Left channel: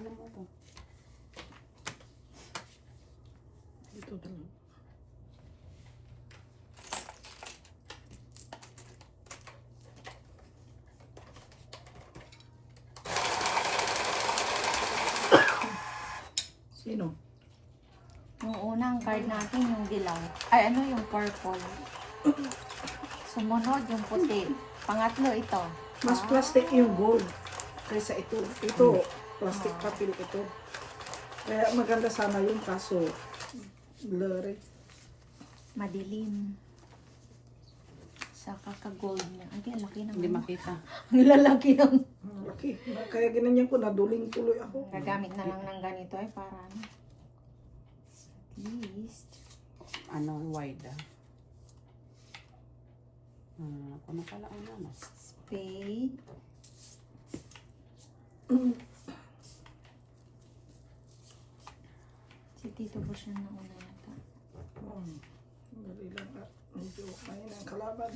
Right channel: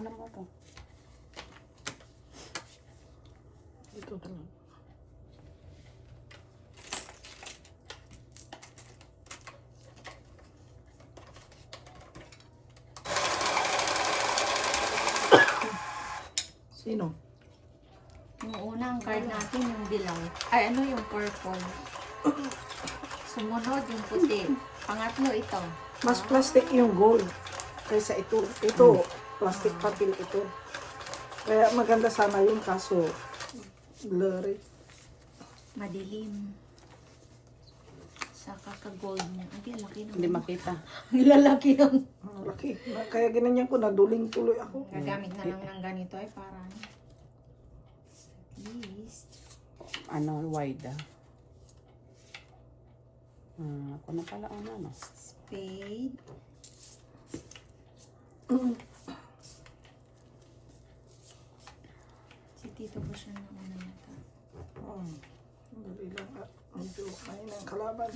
Alam mo to. Dito talaga. Sino? Yung unang card natin, yung dilaw. Ay, ano yung purple? Sumunod yung puti. Pangatlo ito. Mas plastic yung gold kaysa ito. Ito, plastic papel ito. Kaya maganda sana yun kaso blurry. Madilim. Sa kaka-gold niya. Ang laki ng Hindi makita. Ang lalaki ng... Ang laki. Kaya ginanyan ko, naduling tuloy ako. Gagamit na lang ng ganito ay para at least. Ano, wide ah. Ako na pala ano. Spade. Si Tito ba siya na una nito? Dali lang. Medyo ayun ang kalaban.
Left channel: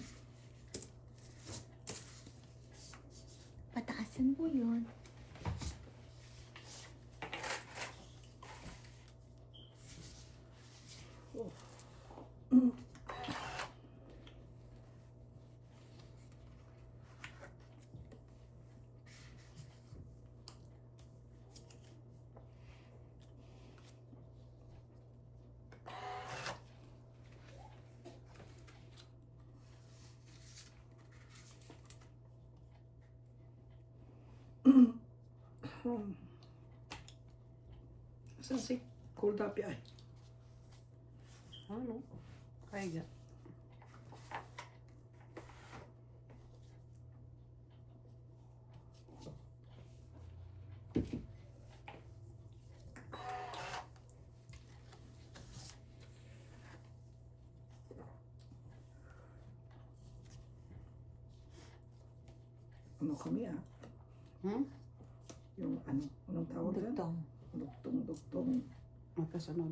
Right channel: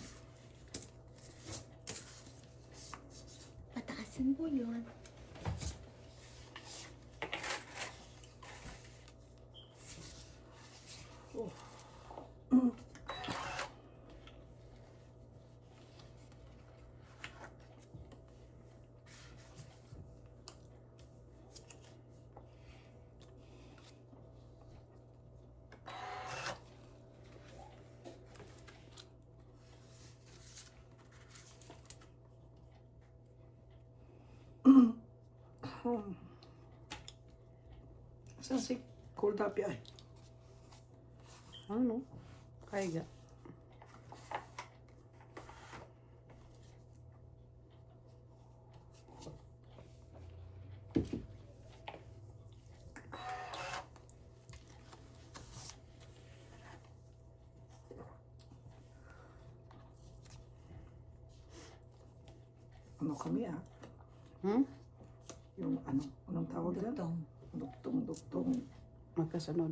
Pataasin po yun. Saan si Cold Happy ay? Ano? Kaya ga. Ano kami ah? Yung ano? Anong tawag doon? Dugtong. Dugtong. Magkasunod.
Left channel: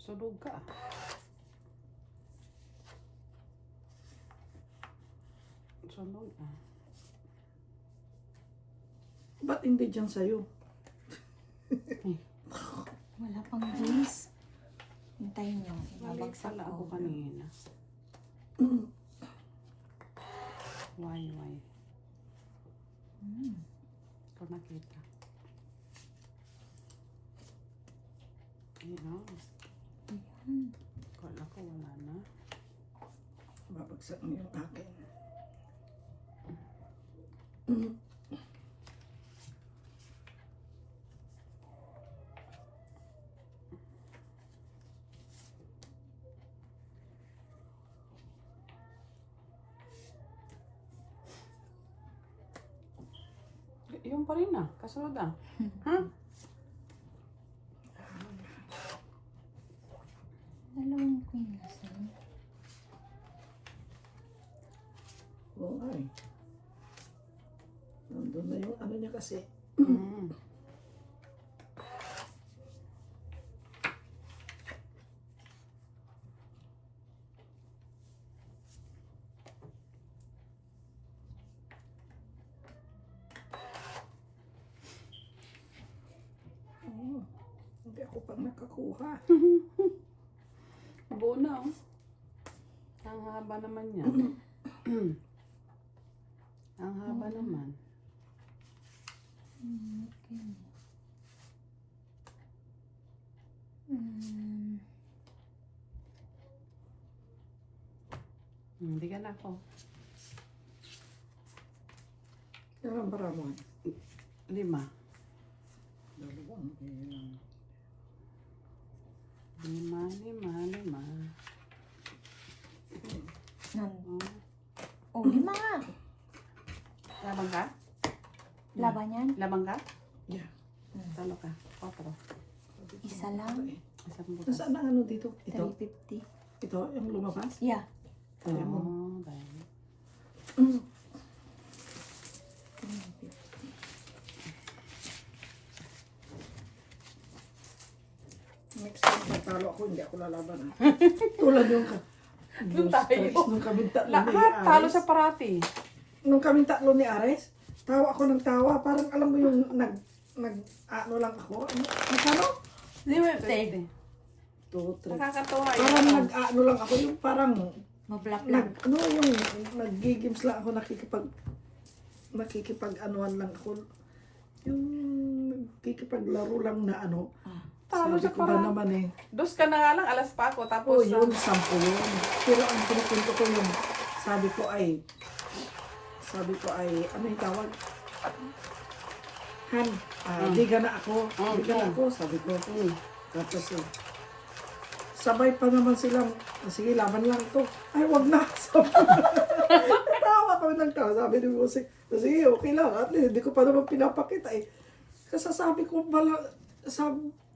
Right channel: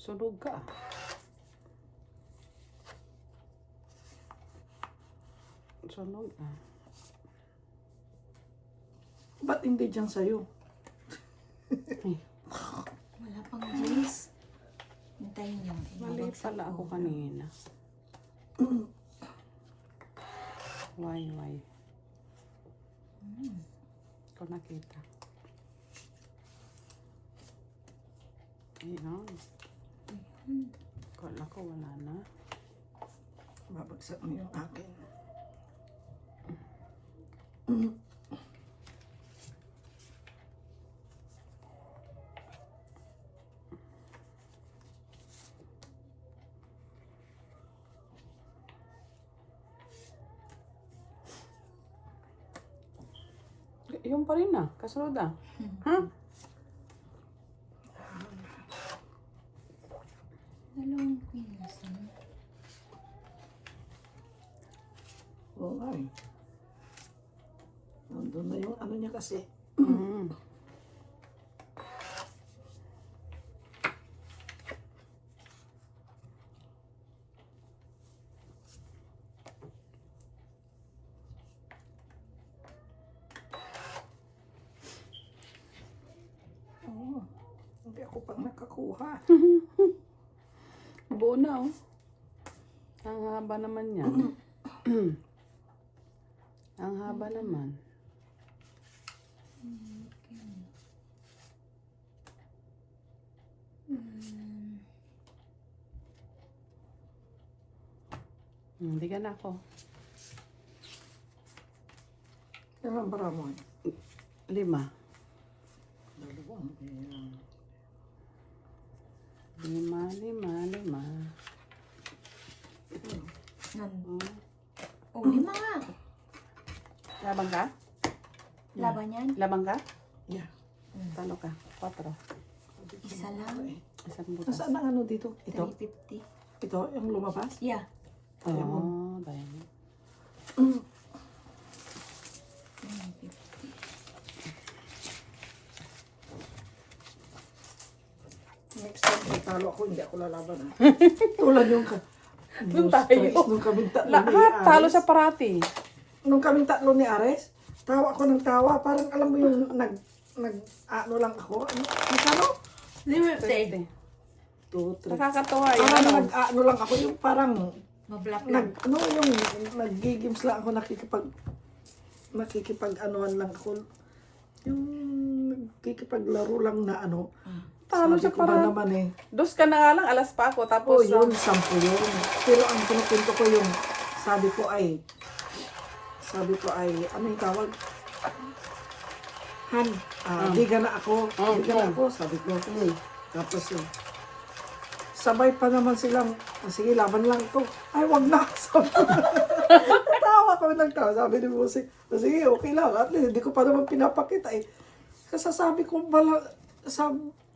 Sunog ka. Sunog ah. Ba't hindi dyan sa'yo? Wala pang juice. Hintayin niyo. Mali Mabagsak pala ko. ako kanina. Why? Ikaw nakita. Ayun. Kala ko wala na. Babagsak mo yung akin. Yung pa rin ah. Kasunod ah. Ha? Dalawang queens. Oo nga eh. Nandun na yung ano niya kasi. Oo. Hindi ako pang nakakuha. Buo na oh. Ang haba naman yan. Ang haba naman. Hindi ka na ako. Ilang bara mo? 5. Dalawang. Ayan. 5. Oh, 5 nga. Labang ka? Laban yan? Labang ka? Yeah. Talo ka? 4. Isa lang. Isang butas. Nasaan ang ano dito? Ito? 350. Ito? Yung lumabas? Yeah. Diamond. Oh, diamond. matalo ako, hindi ako lalaban. Ah. Tulad yung Doon tayo. Nung kaming tatlo ni Lahat talo Ares. sa parati. Nung kaming tatlo ni Ares, tawa ako ng tawa. Parang alam mo yung ano lang ako. Ano? Limited. 2, 3. Nakakatawa Parang yun. ano lang ako, yung parang Mablock lang. yung nag-games lang ako, nakikipag-anuan lang ako. Yung nakikipaglaro lang na ano. Talo Sabi siya ko ba parati. naman eh. Dos ka na nga lang, alas pa ako. Oo, Tapos, yun, 10 yun. Pero ang pinupunto ko yung, sabi ko ay, ano yung tawag? Han, biga na ako, sabi ko. Tapos yun. Sabay pa naman silang, sige, laban lang ito. Ay, wag na. Tawa kami ng tawa. Sabi ni Musik, sige, okay lang. At least, hindi ko pa naman pinapakita eh. Kasasabi ko,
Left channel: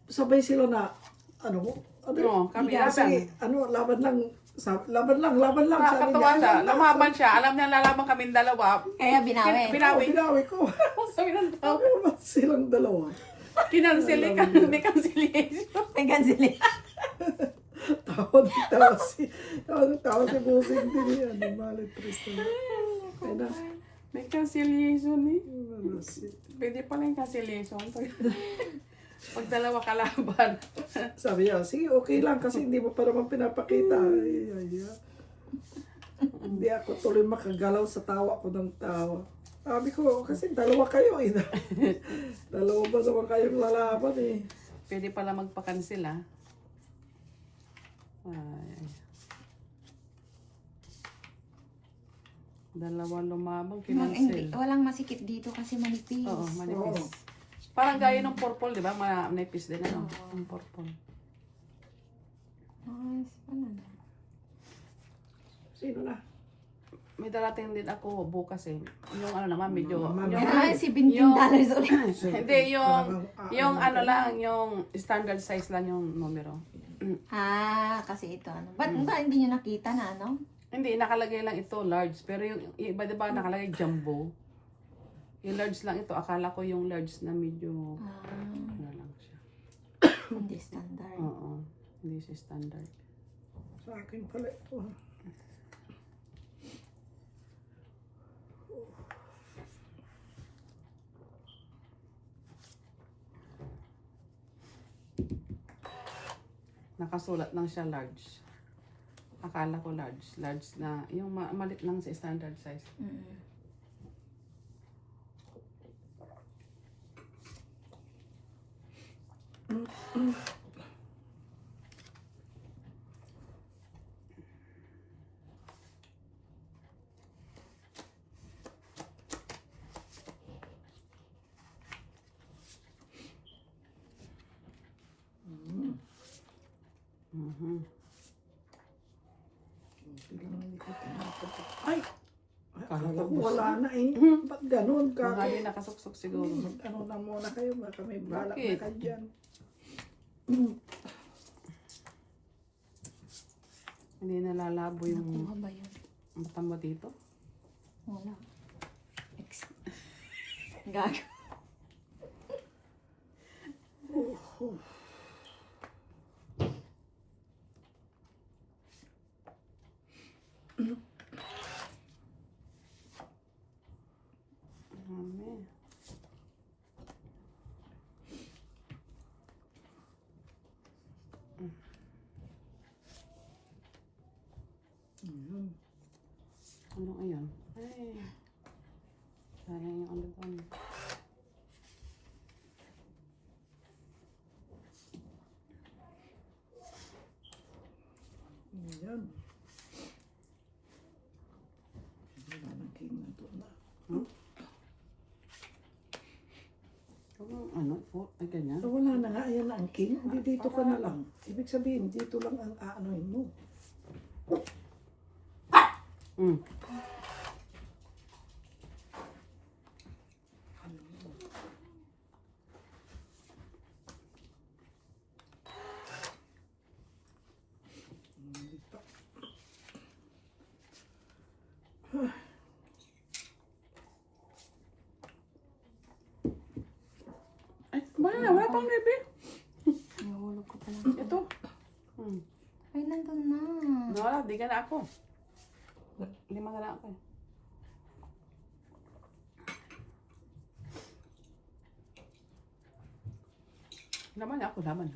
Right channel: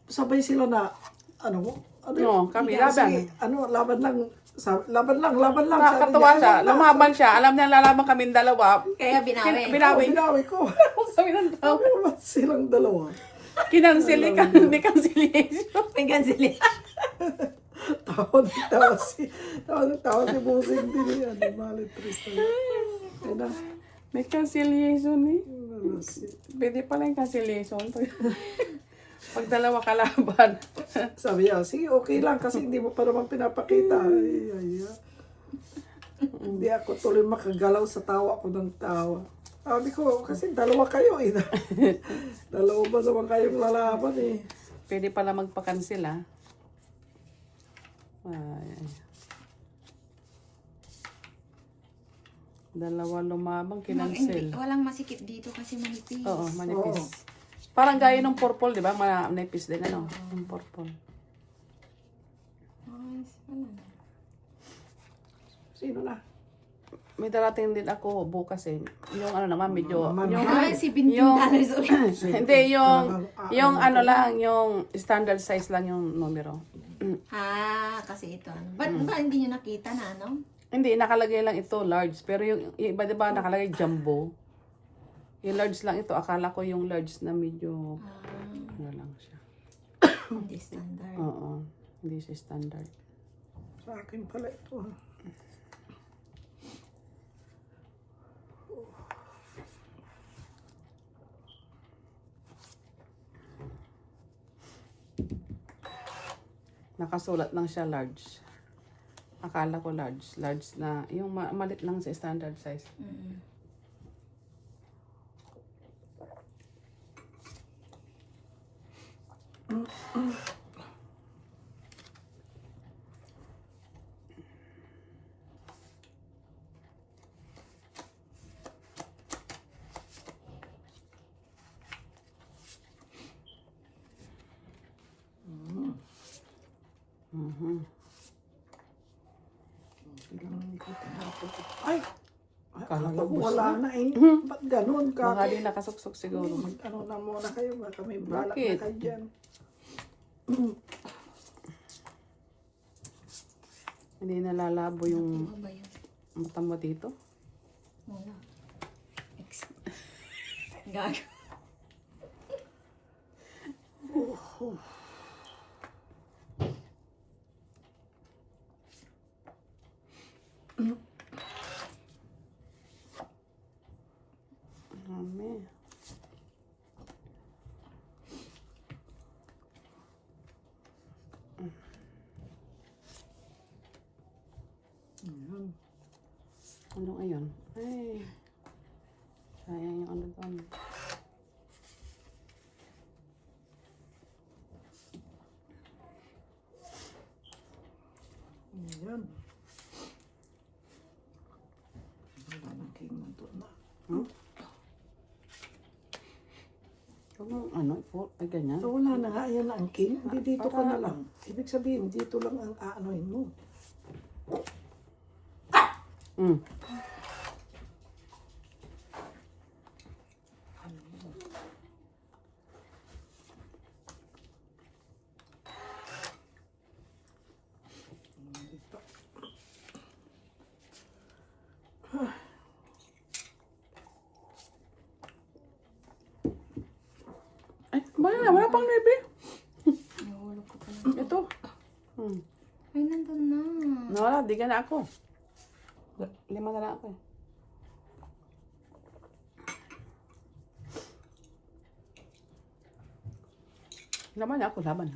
sabay sila na, ano Oo, kami, laban. sige, laban lang. Laban lang. Sabi nakakatawa niya, siya. "Ay, wag na." Lumaban siya. Alam niya lalaban kami dalawa. Kaya binawi. Binawi. Binawi ko. Sabi ng tao. Ano ba silang dalawa? Kinansili ka. May cancellation. May gansili. Tawa si Busing din yan. Malit Tristan. Ayun na. May cancellation eh. Ano, Pwede pala yung cancellation. Pag dalawa kalaban. Sabi niya, sige, okay lang kasi hindi mo pa naman pinapakita. Ay. Hindi ako tuloy makagalaw sa tawa ko ng tawa. Sabi ko, kasi dalawa kayo eh. Dalawa ba naman kayong lalaban eh. Pwede pala magpa-cancel ah. Ay. Dalawa lumabang, kinancel. Walang masikip dito kasi manipis. Oo, manipis. Parang gaya ng purple, di ba? Manipis din, ano? Yung purple. Ay, ano? Sino na? May darating din ako bukas eh. Yung ano naman, medyo... Mama. Yung, Ah, $17 ulit. hindi, yung ano lang, yung standard size lang yung numero. Ah, kasi ito. Ano? Ba't ba hindi nyo nakita na ano? Hindi, nakalagay lang ito large. Pero yung iba, di ba, nakalagay jumbo. Yung large lang ito, akala ko yung large na medyo... Ano lang siya. Hindi standard. Oo, hindi siya standard. Sa akin pala ito. Ha? Nakasulat lang siya large. Akala ko large. Large na, yung malit lang sa standard size. Mm. Mhm. Ay! Akala ko wala na eh. Ba't ganun ka? Baka di nakasuksok siguro. Mag-ano na muna kayo, baka may balak Bakit? na ka dyan. Hindi nalalabo yung Ano ba yun? mata mo dito. Wala. Gago. Mami. Ano ngayon? Ay. Sayang yung ano pa. Ayan. Wala nang kinuntun na. Ano po? Ay, ganyan. So, wala na nga, ayan na ang king. Hindi dito ka na lang. Ibig sabihin, dito lang ang aanoin mo. Mm. Dito. Ay, wala pang baby. Nahulog ko pala. Ito. na ako. 5 na lang ako. Laban na ako, laban.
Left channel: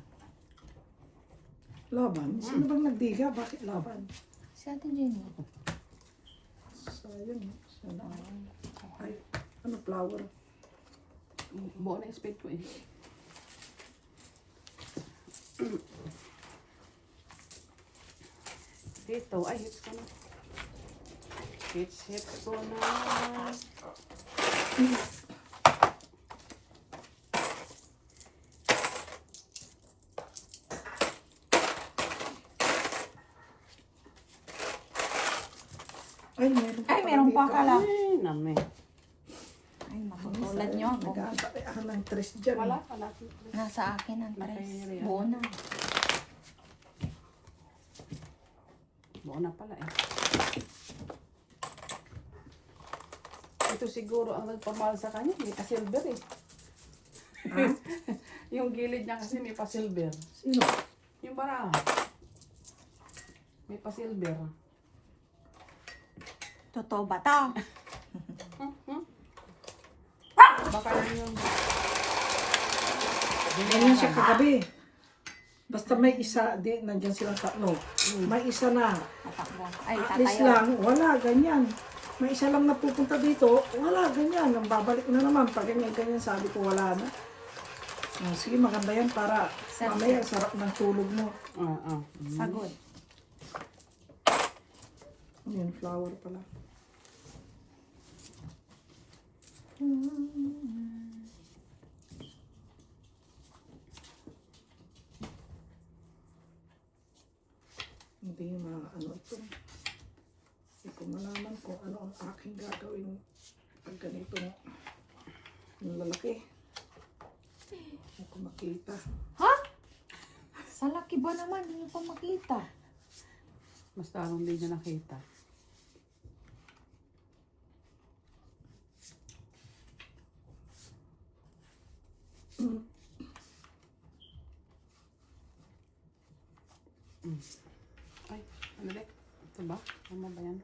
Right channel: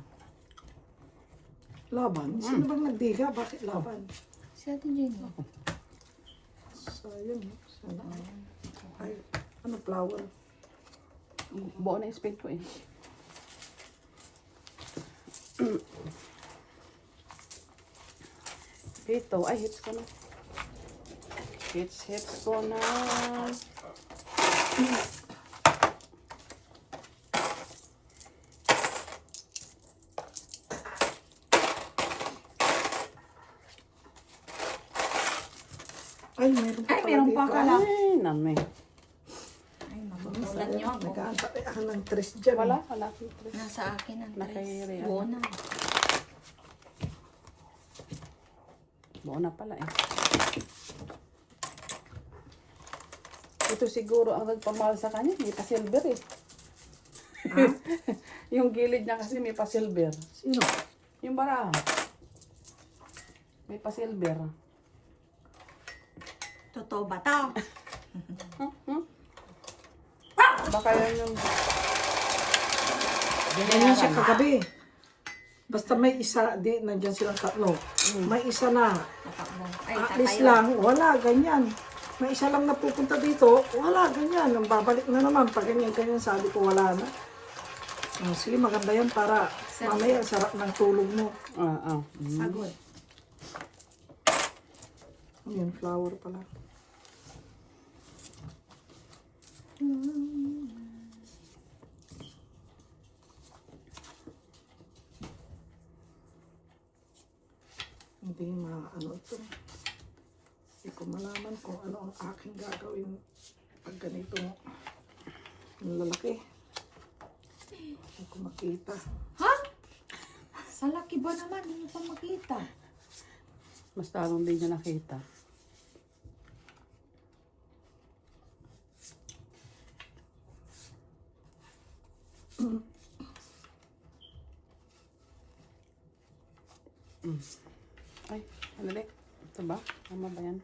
Laban? Sino bang nagdiga? Bakit laban? Si Ate Jenny. Sayang. Sana. Ay, ano flower? Buo na yung spade ko eh. Dito, ay hits ko na. Hits ko na. Ay, meron pa Ay, pala meron pa dito. akala. Ay, nami. Ay, magutulan niyo ako. Nag-aantay ako ng tres dyan. Wala, eh. wala. Nasa akin ang tres. Nakairi, Buo na. Buo na pala eh. Ito siguro ang nagpamahal sa kanya, may pa-silver eh. Yung gilid niya kasi may pa-silver. Sino? Yung baraha. May pa-silver. Totoo ba ta? Baka yan yung... Ganyan siya kagabi. Basta may isa, di, nandiyan silang tatlo. May isa na. Tatakbo. Ay, At least tatayo. lang, wala, ganyan. May isa lang napupunta dito, wala, ganyan. Nang babalik na naman, pag ganyan, sabi ko, wala na. Sige, maganda yan para mamaya sarap ng tulog mo. Pagod. Ayan, flower pala. Hindi ano ito. Hindi ko malaman kung ano ang aking gagawin pag ganito yung lalaki. Hindi ko makita. Ha? Sa laki ba naman? Ano pa makita? Basta anong hindi niya nakita. Ay, andali. Ito ba? Tama ba yan?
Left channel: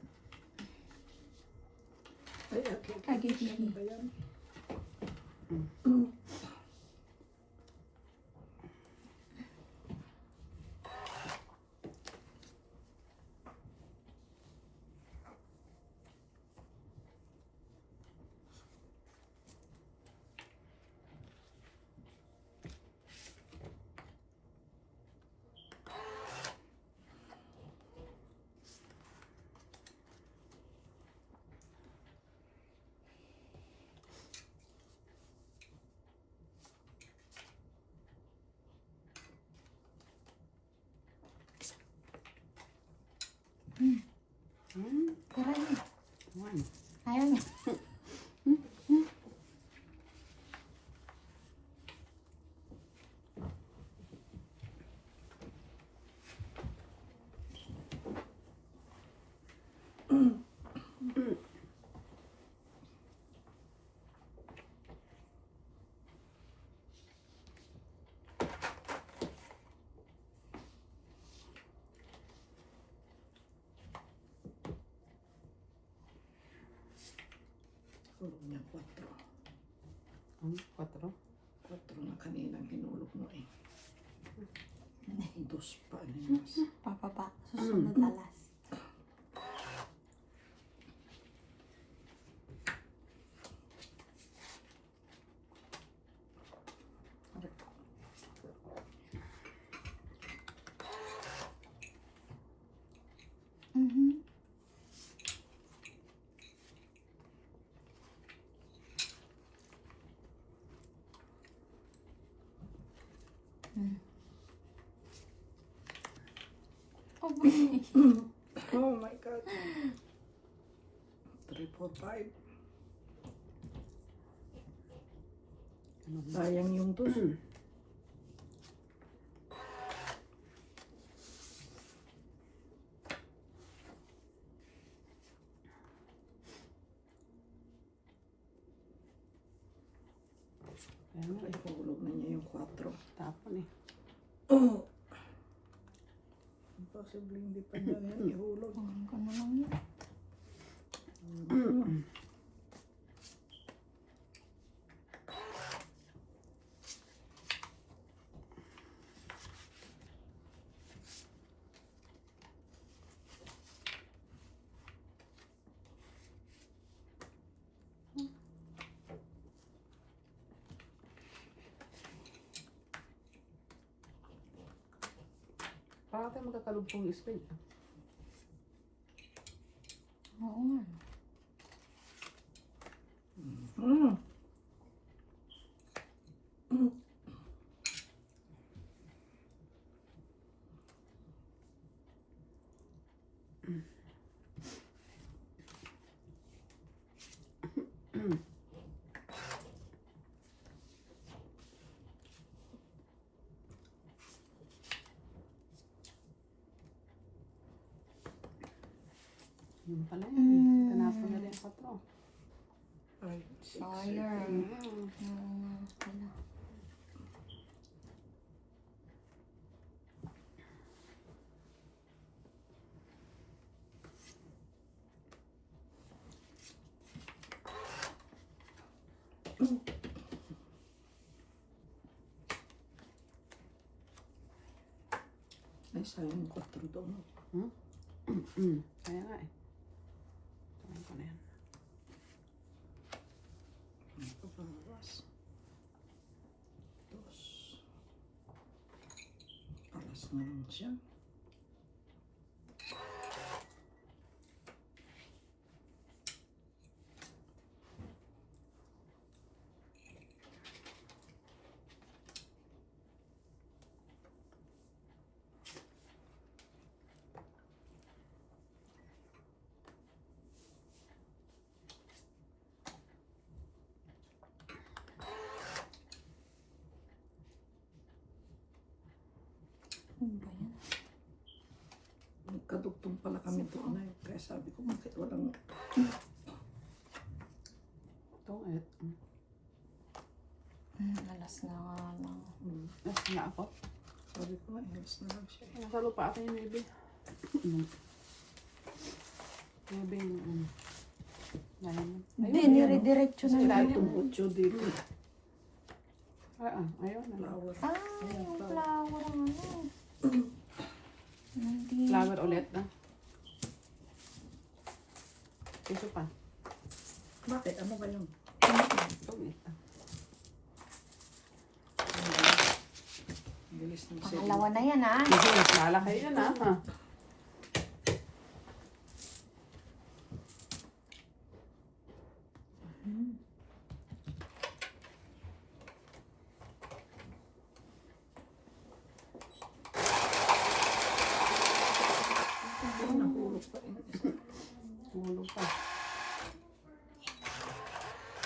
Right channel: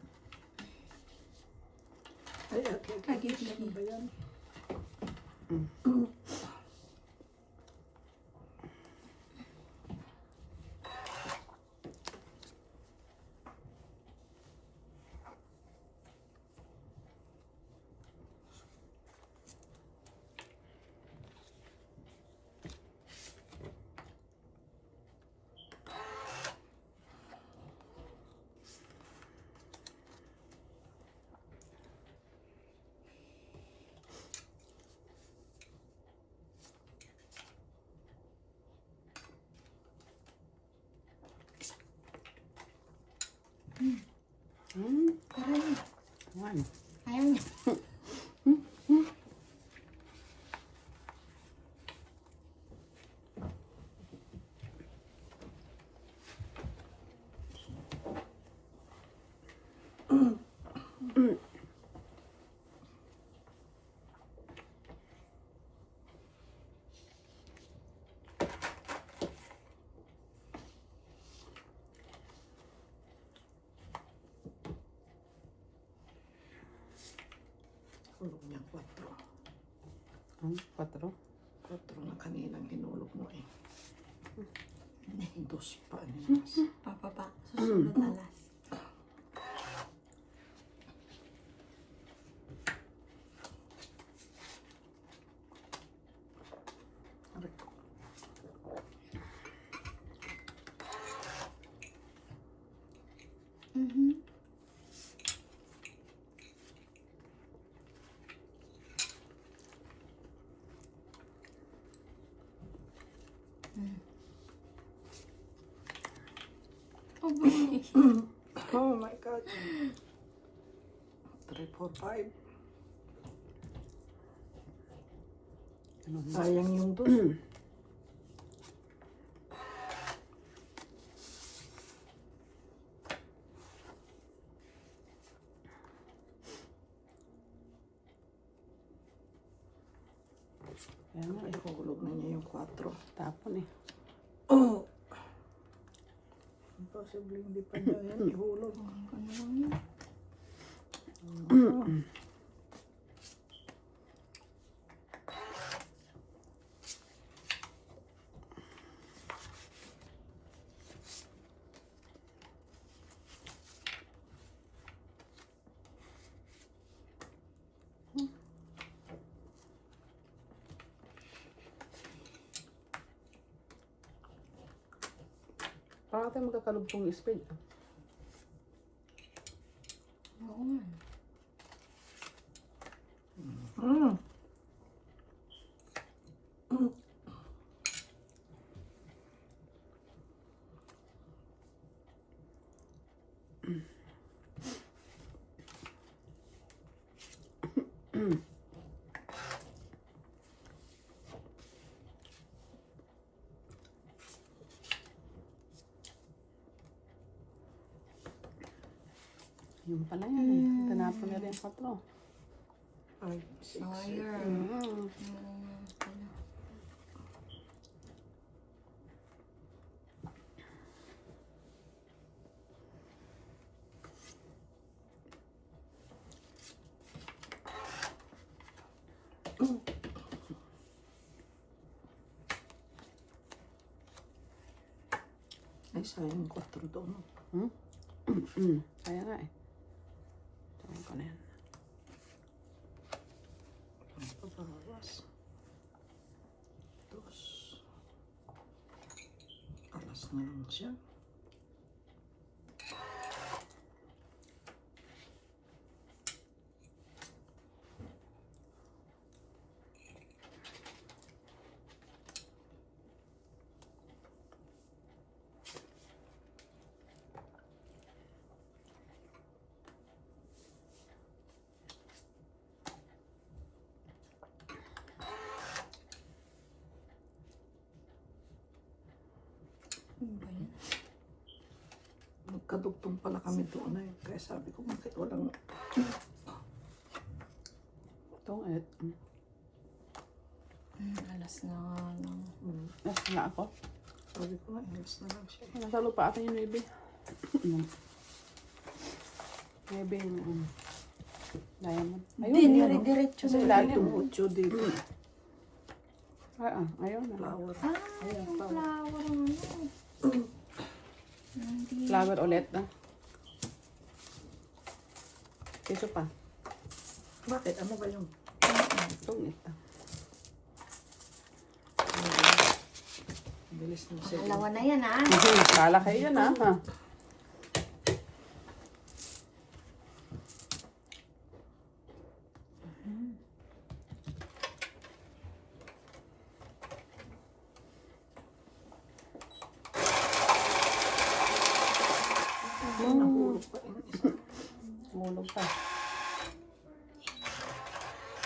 Ay, okay. Ay, give me. Ano ba yan? Aray. One. Ayaw niya. Hulog niya 4. 4. 4 na kaninang hinulog mo eh. 2 pa niya. Papapa. Susunod alas. Mhm. Oh, boy. Oh my God. 3, 4, 5. Sayang yung 2. Ayan na eh. Hulog na niya yung 4. Tapon eh. Oh! Possible hindi pa niya yan ihulog. Ano lang yun? Parang tayo magkakalugtong yung speed. Oo nga. Mm. Yung pala yun. Tinapon na rin yung patro. 5, 6, Sayang. Oo nga pala. Ay, sayang 4 doon. Kaya nga eh. Tawin ko na yan. Pabawas. 2. Alas na yun siya. Ano ba yan? Nagkadugtong pala kami doon eh. Kaya sabi ko, bakit walang... Itong et. Alas na nga lang. Nasa na ako. Sabi ko, inis na lang siya. Nasa lupa ako yung baby. Baby yung diamond. Hindi, nire-diretso Sa na ilalim. yun. Itong 8 dito. Ayun. Flower. Ah, yung flower ang ano. Hindi. Flower ulit na. Piso pa. Bakit? Ano ba yung... Itong ito. Bilis ng siya. Pangalawa na yan ah. Kala kayo dyan ha. Nahulog pa rin isa. Mulog pa.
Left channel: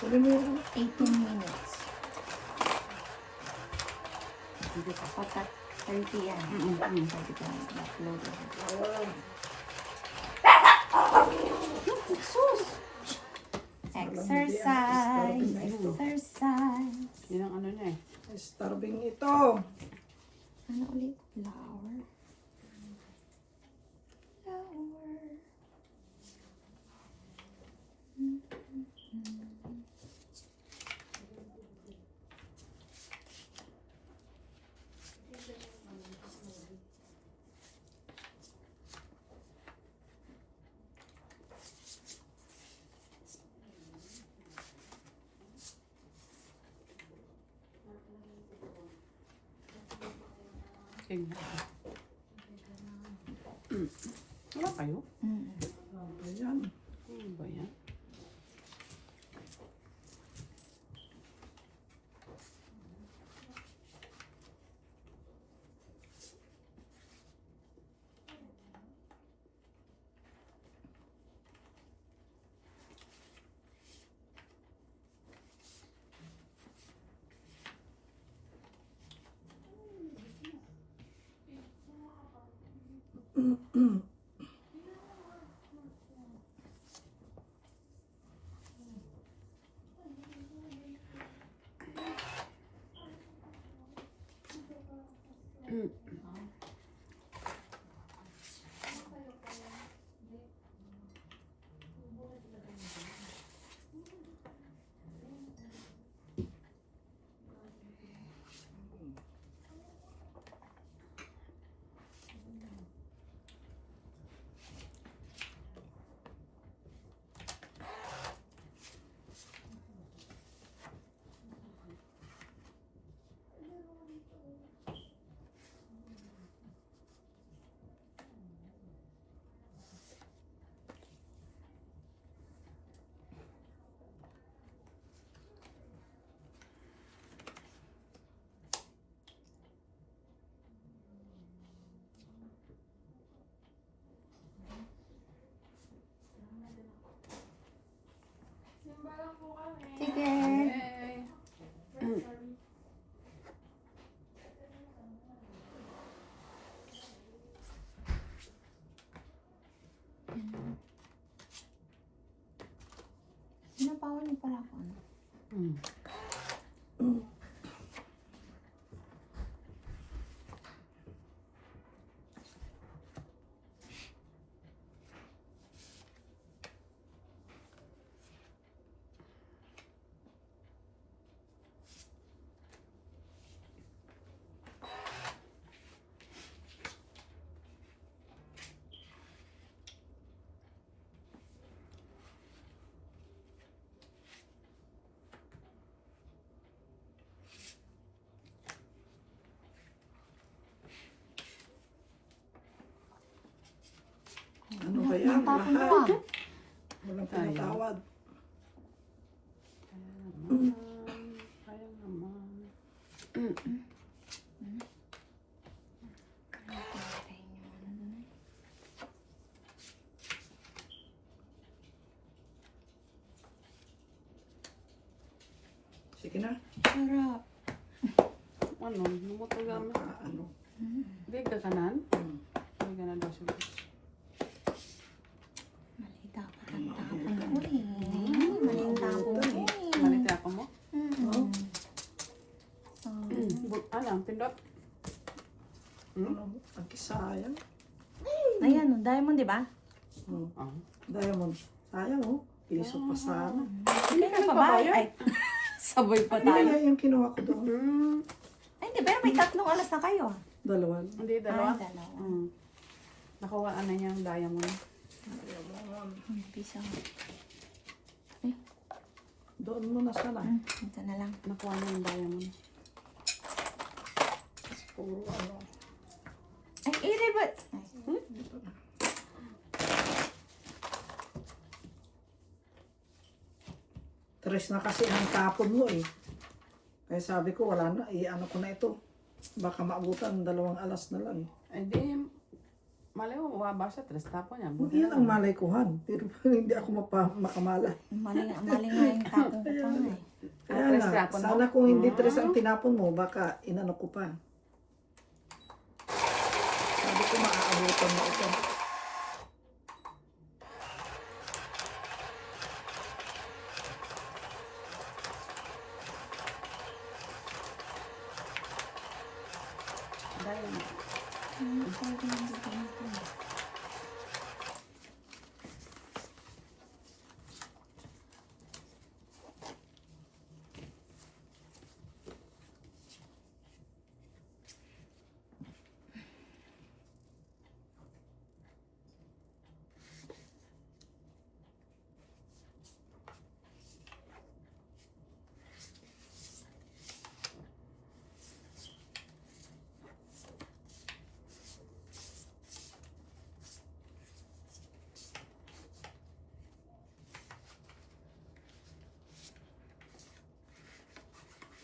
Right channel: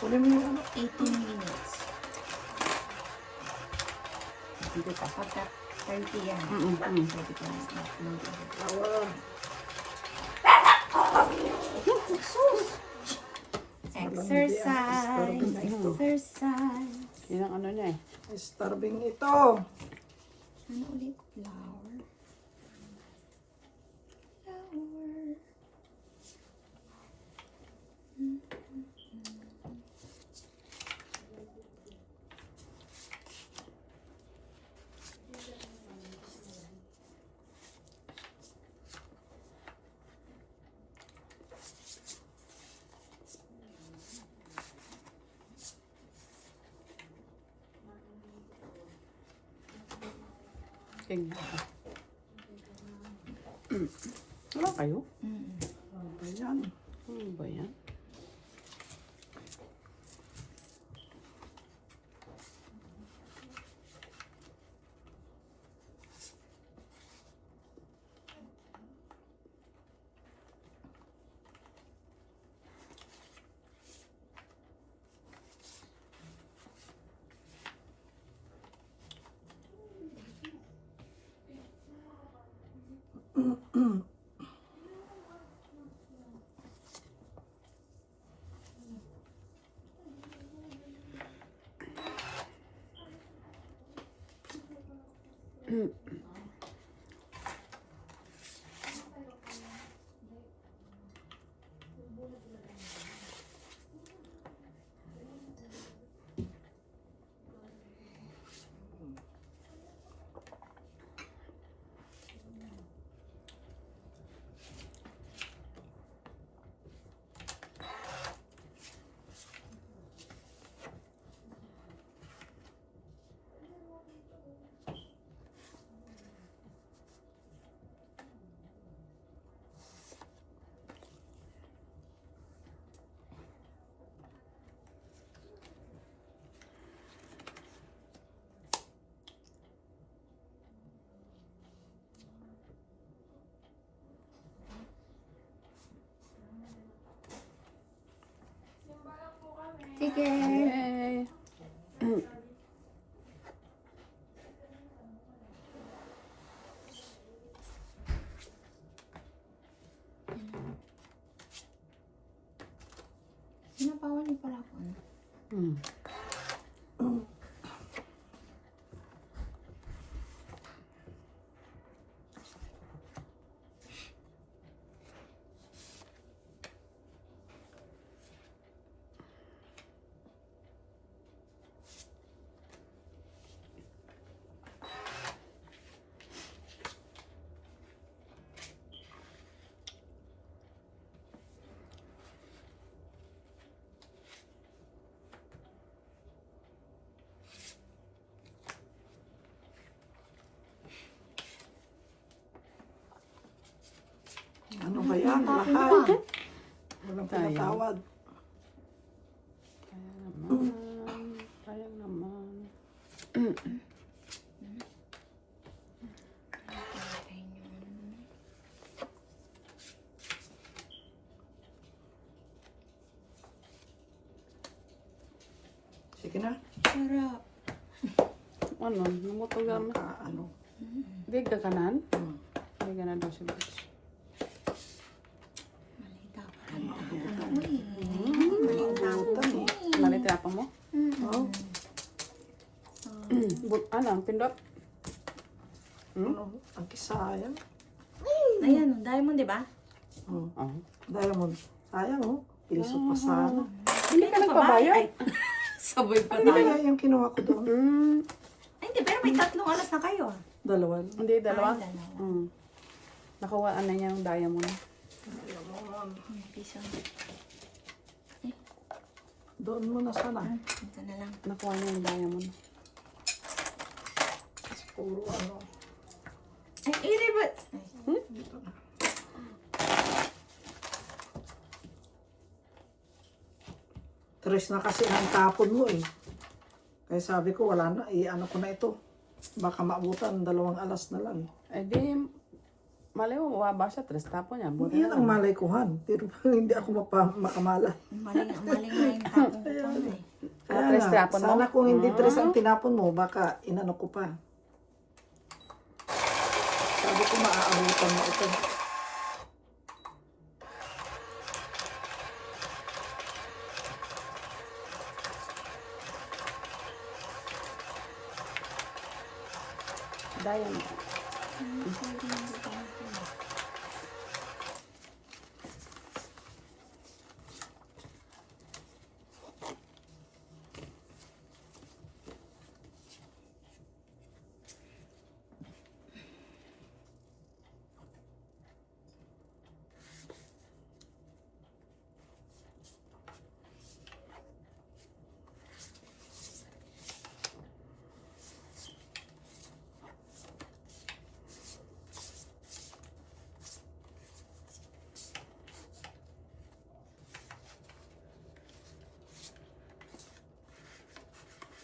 Huli mo yung ano. 18 minutes. Hindi pa. Pagka 30 yan. Sabi ko na. Exercise. Exercise. Yan ang ano niya eh. Starving ito. Ano ulit? Flower. Flower. King. Wala kayo? Ano ba yan? Ano ba yan? ba yan? Tapon Lahat. pa. Walang Tayo. pinatawad. Sayang naman. Sige na. Sarap. Ano, lumutong lang. Ano? Hindi ka kanan? Hmm. Hindi ka na daw siya. Malita ko. Butan eh. Nalita pa mo? Oh, Ano, pindot? ano? Ang kisayang. Ayan, diamond, di ba? Hmm. Oh. Diamond. Sayang oh. Piso pa sana. Hindi ka pa ba? nagbabayad? Ay, sabay pa Ano tayo. kaya yung kinuha ko doon? Ay, di ba? May 3 oras na kayo. Dalawa. Hindi, dalawa. Ay, dalawa. Nakuha ano niya yung diamond. Hindi siya. Doon mo na sana. Ito na lang. Nakuha niya yung diamond. Kasi puro ano. Ay, i-revert. Dito na. Tres na kasi ang tapon mo eh. Kaya sabi ko wala na. Ano ko na ito. Baka maabutan 2 alas na lang. Eh di, malay mo, mabasa, tres tapo niya. Buti Yan ang malay kuhan. Pero hindi ako makamala. Mali nga yung tapong ko pa eh. Kaya Tres nga, tinapon mo? sana kung hindi tres ang tinapon mo, baka inano ko pa. Sabi ko maaabutan mo ito.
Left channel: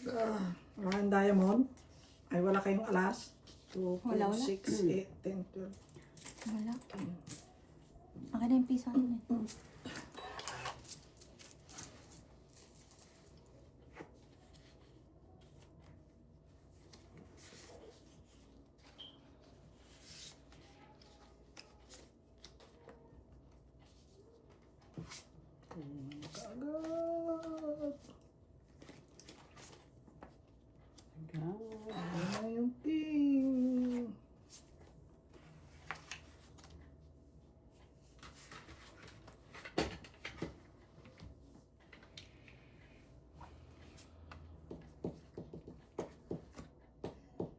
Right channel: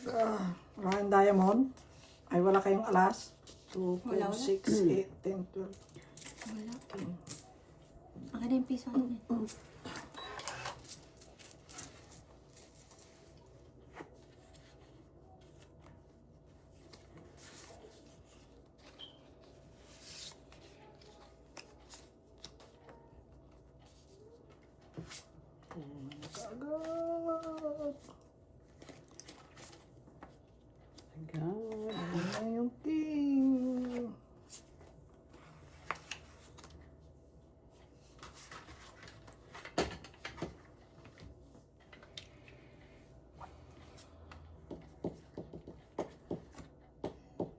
diamond. Maraming diamond. Ay, wala kayong alas. 2, Wala 4, mo? 6, 8, 10, 12. Wala. Akin na yung piso ano eh. Agad. Agad. Ano yung ting?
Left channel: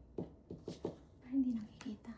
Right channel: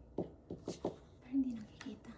Parang hindi nakikita.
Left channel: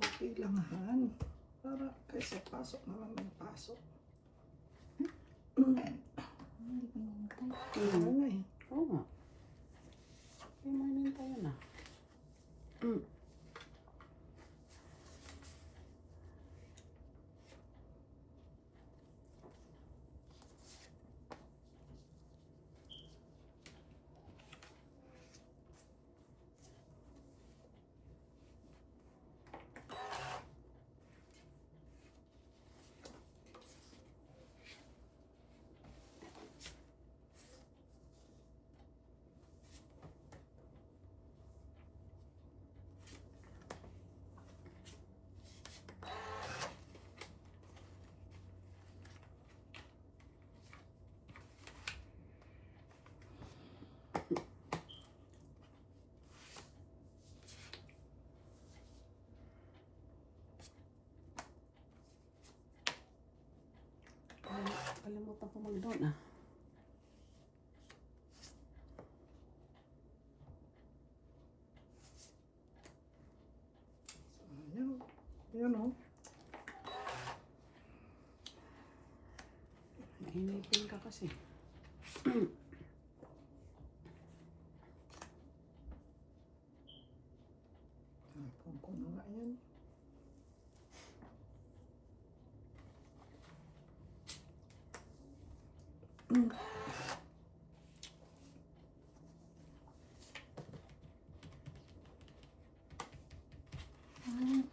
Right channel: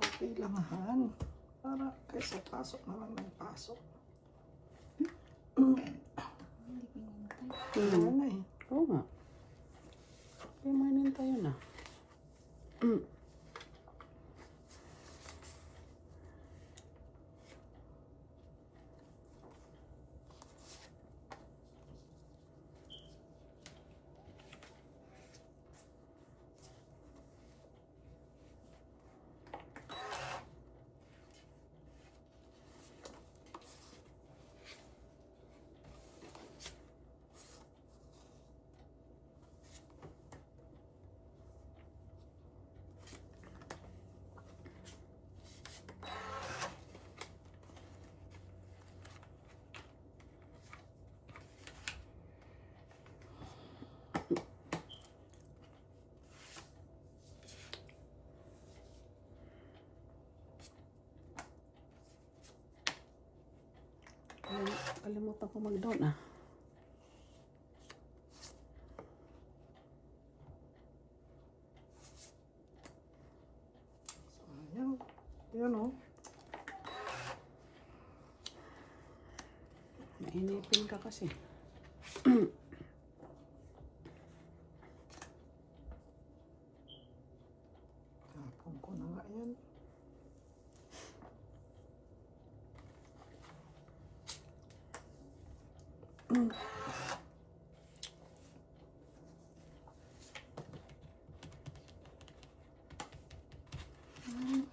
Okay lang han. Para kaysa pasok na lang ng pasok. Hindi ko hintay. Ano na eh. Oo nga. Kaya mainin tayo na. Nakalimutan ko mag-down ah. Ayan. Yan o. Mainipin ka kasi. Tapon ko na nga yan.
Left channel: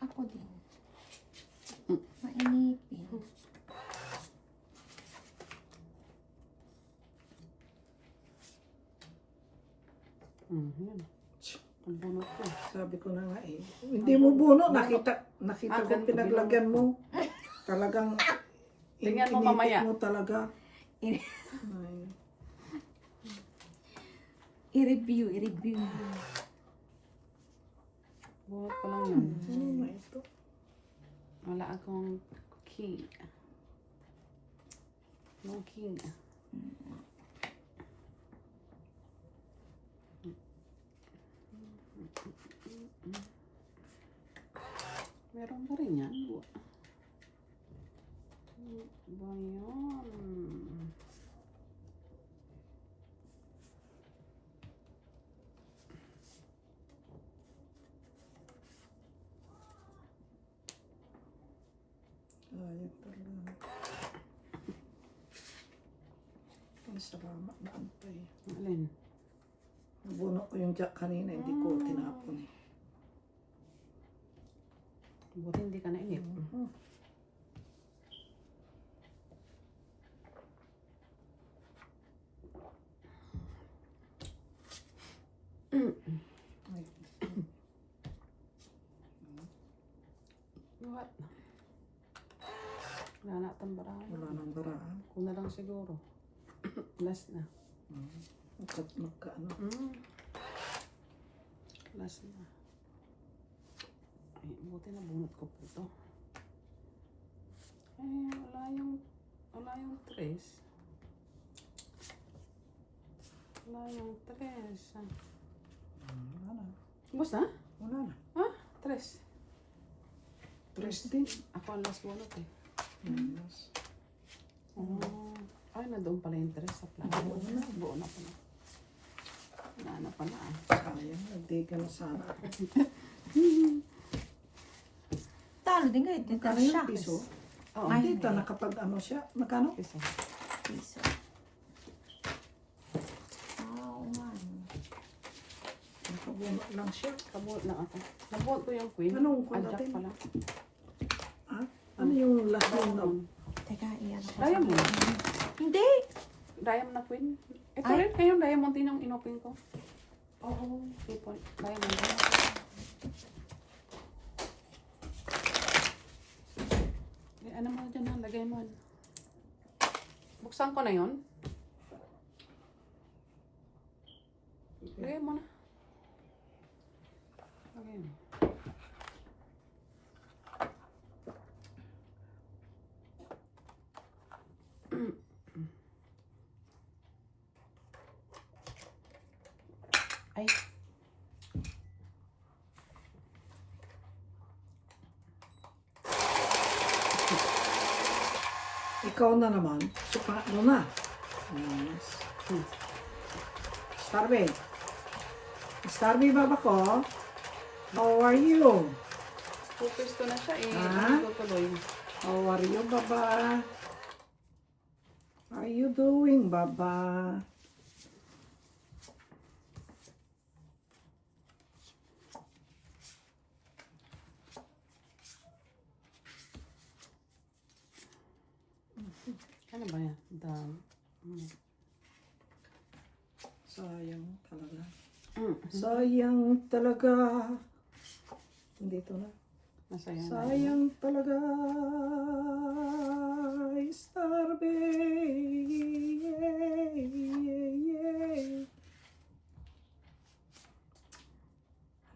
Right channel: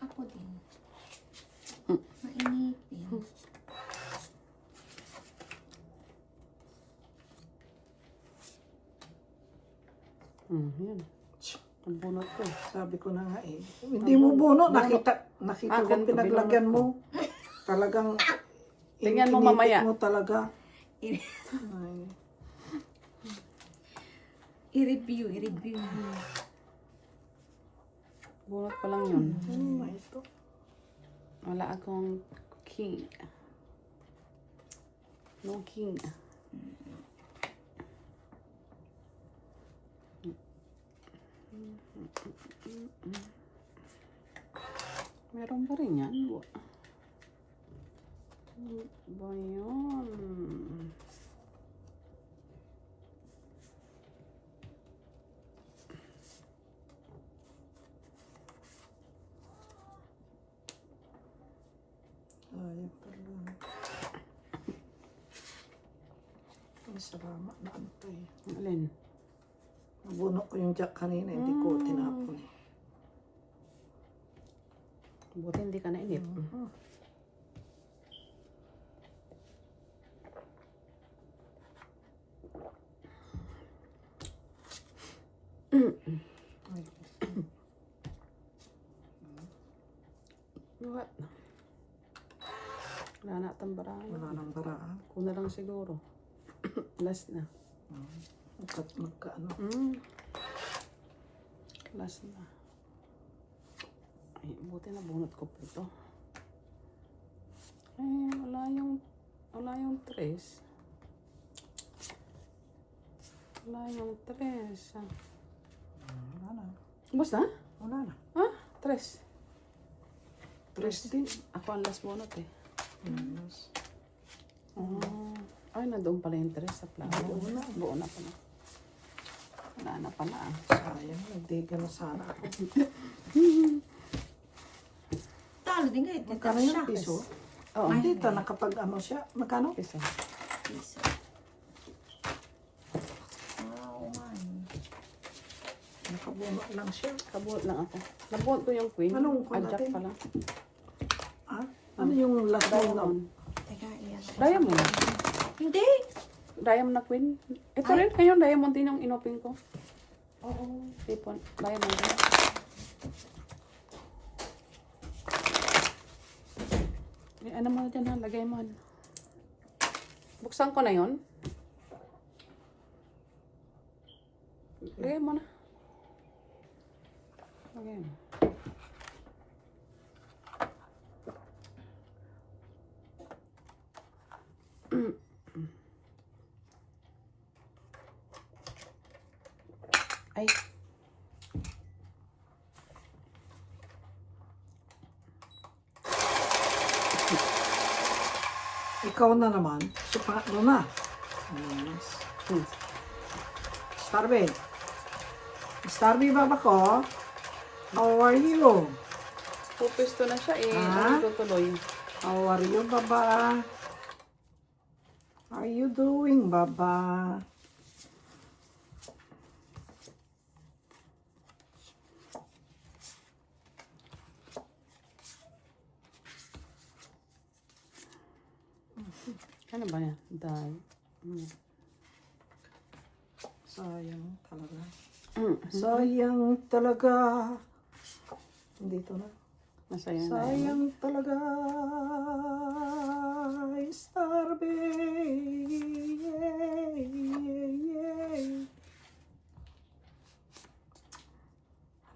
Ako din. Mainipin. Yan. Ang bunot ko. Sabi ko na nga eh. Hindi mo buno. Nakita ko ganito, pinaglagyan mo. Talagang Tingnan mo inipit mamaya. mo talaga. I- Ay. I-review. Bunot ko lang yun. Ano na ito? Wala akong king. No king. Meron ba rin yan? Ba yun? Ayan talaga. Ay, salamat na antay. Alin? Nabuno ko yung jack kanina. Hindi ko tinapon eh. Buti hindi ka nainip. What? Wala na itong barang. Wala nang baraan. Kung na lang siguro. Last na. Magkaano. Last na. Ay, buti na bunot ko po ito. Ay, wala yung tres. Wala yung tres. Wala na. Bus na? Wala na. Ha? Tres. Tres din. Ako ang last bunot eh. Yes. Ay, nandoon pala yung tres sa plato. Buo na. Buo na pala. Wala na pala. Sayang. Nagdiga na sana ako. Talo din eh. Magkano yung piso? Oo. Hindi ta nakapag ano siya. Magkano? Piso. Piso. Oo nga. Nakabuno lang siya. Kabuot lang ako. Nabuot ko yung queen. Anong queen Adjust natin? pala. Ha? Ano yung last one na? Teka, iyan. Diamond. Hindi. Diamond na queen. Ito rin. Ngayon, diamond din yung inopin ko. Oo. Ipon. Diamond din. Eh, ano mo dyan ha? Lagay mo. Buksan ko na yun. Lagay mo na. Lagay mo. Ay. Ikaw na naman. Supa mo na. Yes. Starby. Starby baba ko. How are you? Pupesto na siya eh. Ha? Ano tutuloy? How are you, baba? How are you doing, baba? Ano ba yan? Dahil. Sayang talaga. Mm. Sayang talaga. Dito na. Nasaya na. Sayang talaga. Starby.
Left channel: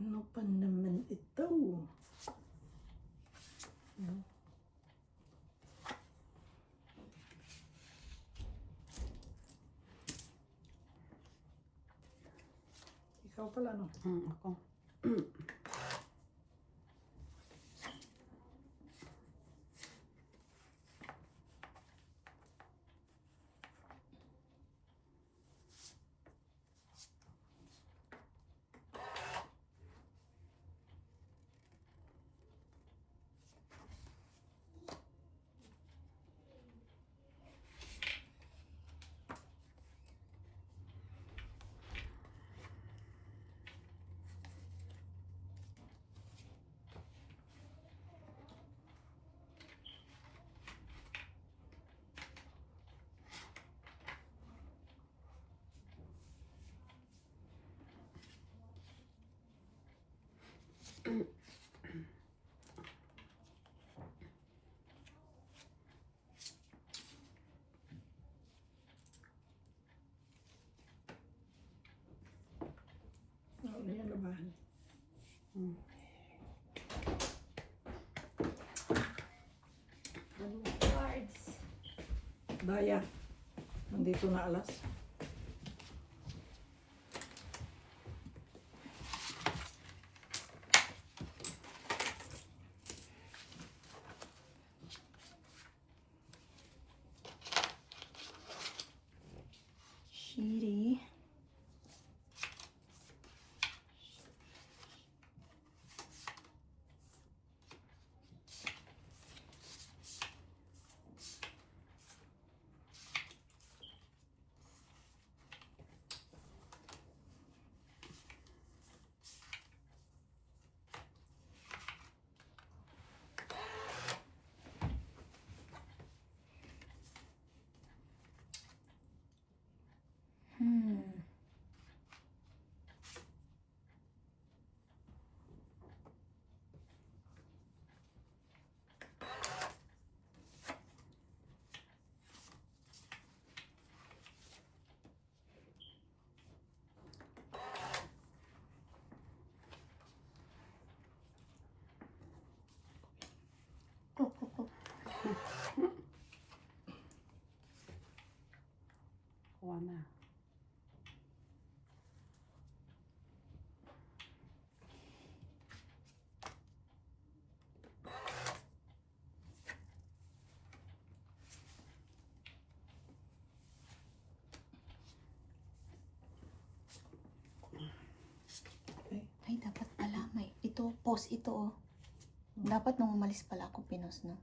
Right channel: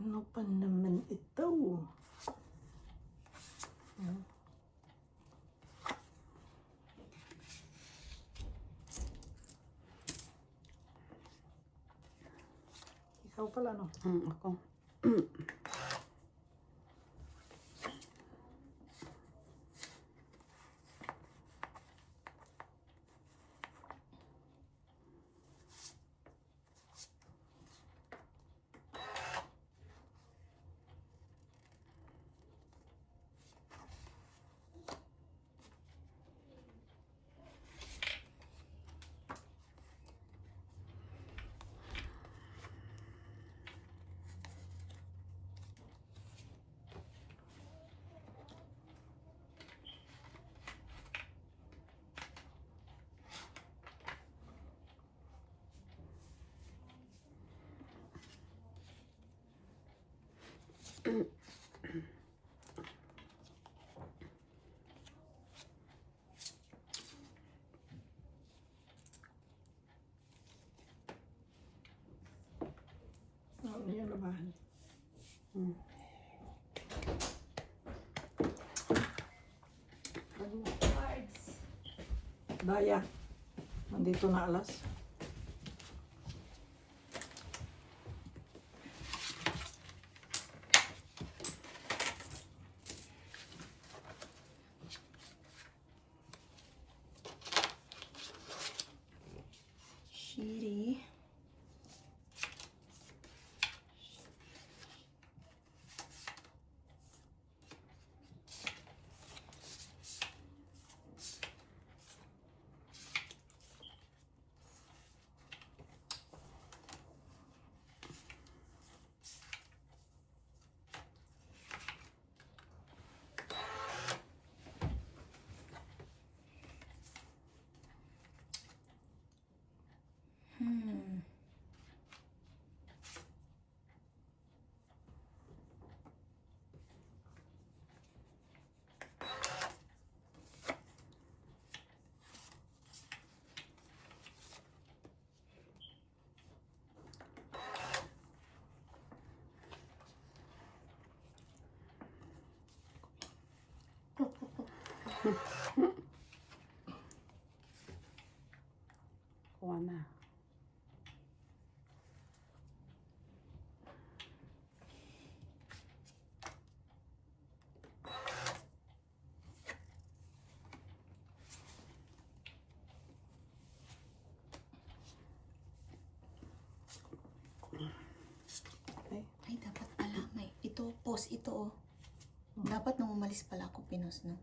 Ano pa naman ito? ano? Ako. Ano yung labahan? Cards. Daya. Nandito na alas. Shitty. Kuha na. Ay, dapat pala may ito, post ito oh. Dapat nung umalis pala ako pinos no.